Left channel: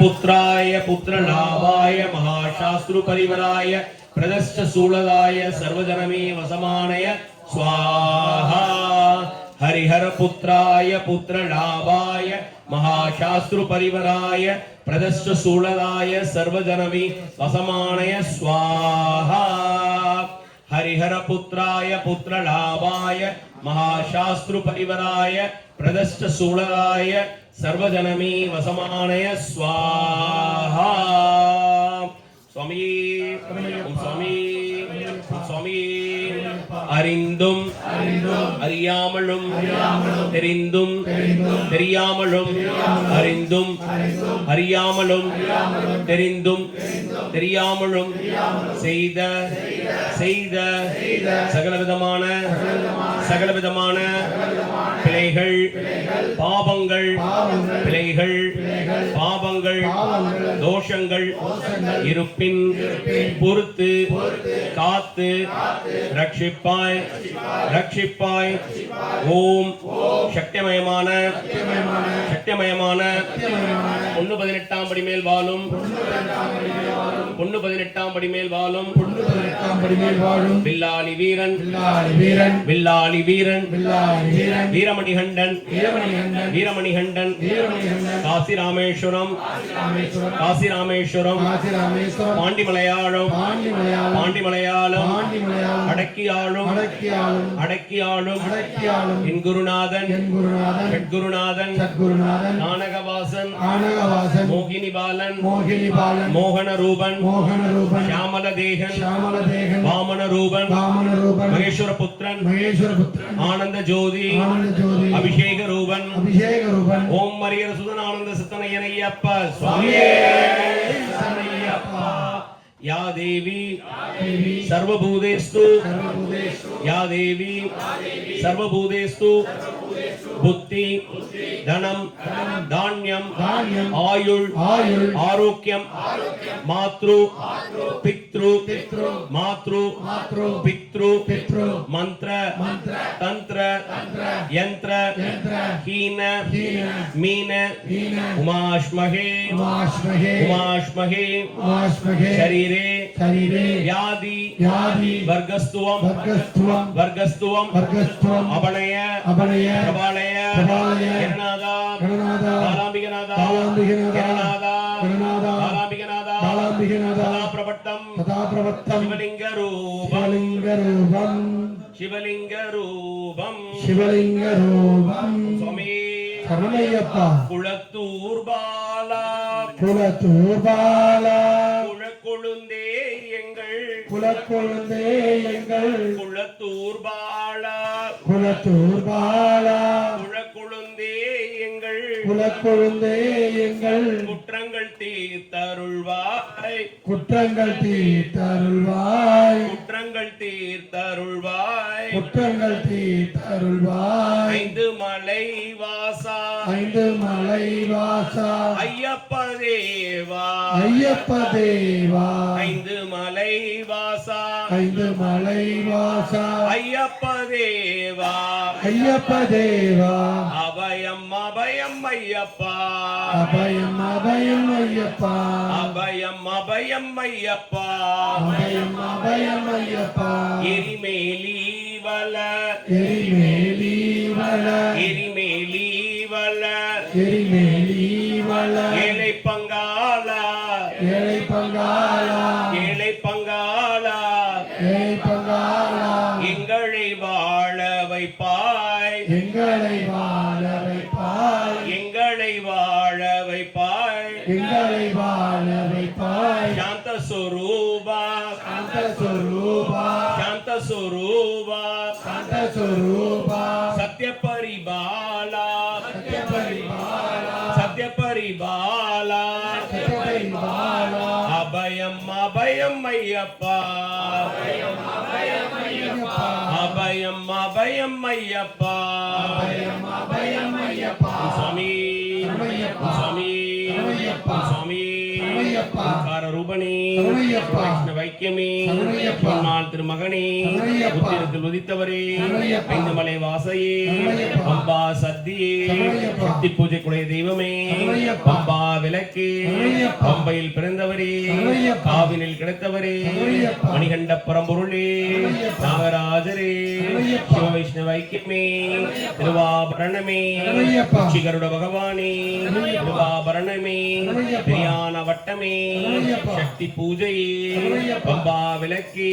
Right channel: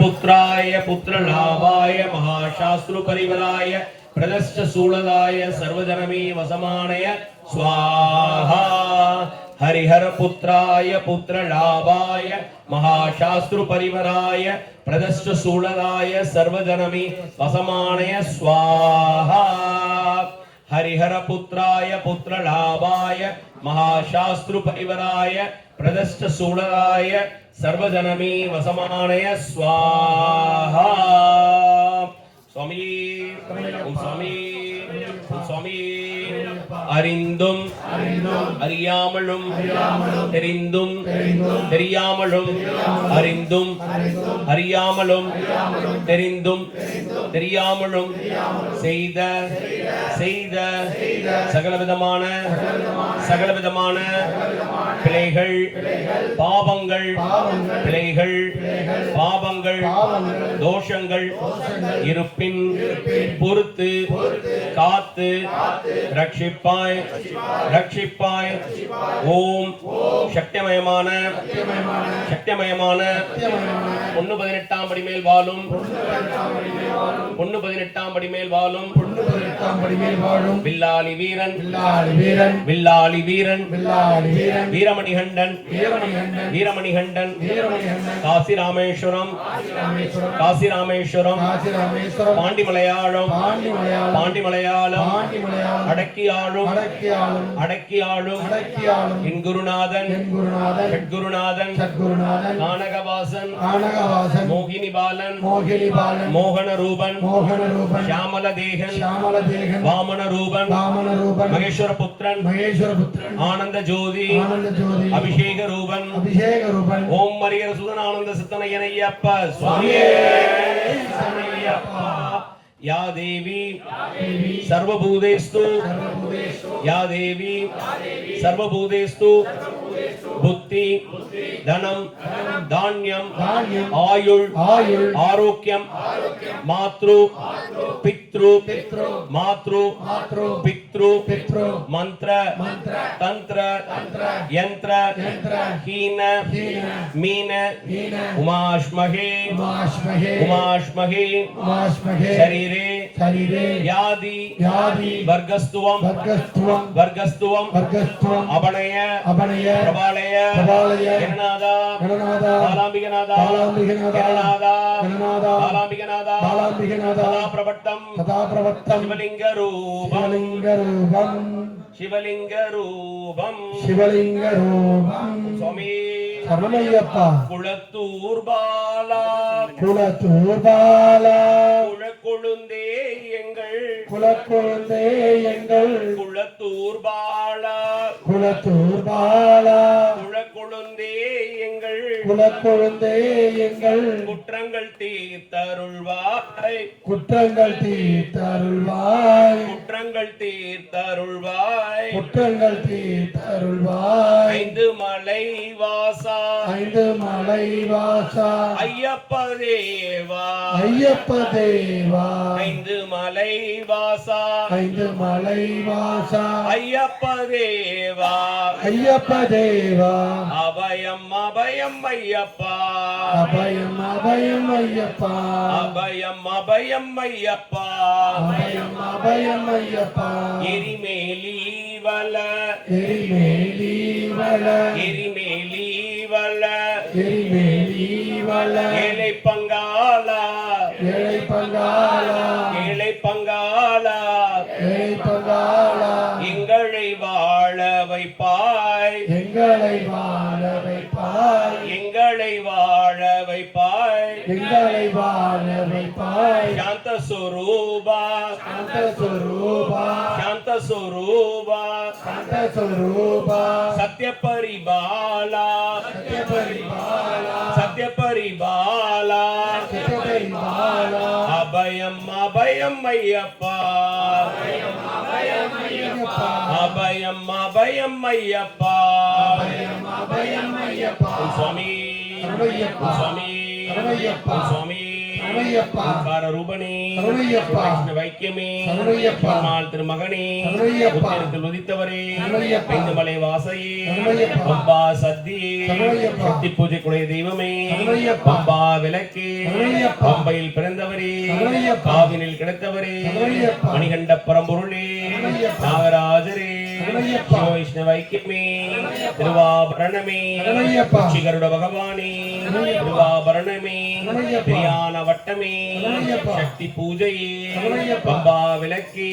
पुत्राय पुत्रलाभाय महाशास्त्रु परिवराय प्रदश्च सूलदाय सर्वजनमे वसमानय स्वाहा। हरिहर पुत्राय पुत्रलाभाय महाशास्त्रु परिवराय प्रदश्च सूलदाय सर्वजनमे वसमानय स्वाहा। हरिहर पुत्राय पुत्रलाभाय महाशास्त्रु परिवराय प्रदश्च सूलदाय सर्वजनमे वसमानय स्वाहा। स्वामी स्वामी स्वामी அறிந்தும் அறியாமலும் தெரிந்தும் தெரியாமலும் அறிந்தும் அறியாமலும் தெரிந்தும் தெரியாமலும் செய்த செய்த சகலவிதமான பிழைகள் பாவங்கள் பிழைகள் பாவங்கள் தோஷங்கள் இருப்பின் பொறுத்து காத்து ரட்சிப்பாய் ரட்சிப்பாய் ஓம் சக்திமயமான 118 படி மேல் வாழும் 118 படி மேல் வாழும் வில்லாளி வீரன் வில்லாளி வீரன் வீரமணிகண்டன் வீரமணிகண்டன் காசி ராமேஸ்வரம் பாண்டிமலையாளம் அடக்கியாளும் என் குருநாதன் நானகவாசன் மோகினி பாலன் மோகன ரூபன் ஷியாமல தேகன் வாமன ரூபன் மகேஸ்வர புத்திரன் ஆனந்த ஜோதி அபிஷேக ரூபன் ஓம் மரியர சுதன் ஆனந்த சித்தனையனையப்ப சுவாமியே या देवी सर्वभूतेषु या देवी सर्वभूतेषु बुद्धि धनम धान्यम आयुल आरोग्यम मातृ पितृ पितृ मंत्र तंत्र यंत्र हीन मीन उमाश्महे शरीरे व्याधि वर्गस्तुवम अपनय प्रबालय गणनादा बालांबिकनादा तथा प्रवत्तम शिवलिंग रूपम स्वामी शरणमय्यप्पा कुलत्तूर बाला குலக்கொழுந்தே எங்கள் குலத்தூர் பாலா குலக்கொழுந்தே எங்கள் குற்றங்கள் தீர்த்தருள்வாய் ஐந்து மலை வாசா ஐயப்ப தேவா ஐந்து மலை வாசா ஐயப்ப தேவா அபயம் ஐயப்பா எரிமேலி வல ஏழை பங்காளா எங்களை வாழ வைப்பாய் சாந்த ஸ்வரூபா சத்ய பரிபாலா அபயம் ஐயப்பா சுவாமி சரணையப்பா ஓங்கார ரூபனே சரணையப்பா வைஷ்ணவ ஐக்கியமே சரணையப்பா பெருமாள் திருமகனே சரணையப்பா உத்திரத்தில் உதித்தவரே சரணையப்பா ஐந்துமலை வாசையே சரணையப்பா பம்பா சத்தியே சரணையப்பா சக்தி பூஜைக்குடைய தெய்வமே சரணையப்பா பம்பா விளக்கே சரணையப்பா பம்பையில் பிறந்தவரே சரணையப்பா காவினில் கிடைத்தவரே சரணையப்பா மணிகண்ட பரம்பொருளே சரணையப்பா நாகராஜரே சரணையப்பா சிவ வைஷ்ணவ ஐக்கியமே திருவாபரணமே சரணையப்பா ஸ்ரீகருட பகவானே திருவாபரணமே சரணையப்பா பிரியான வட்டமே சரணையப்பா சக்தி பூஜையே சரணையப்பா பம்பா விளக்கே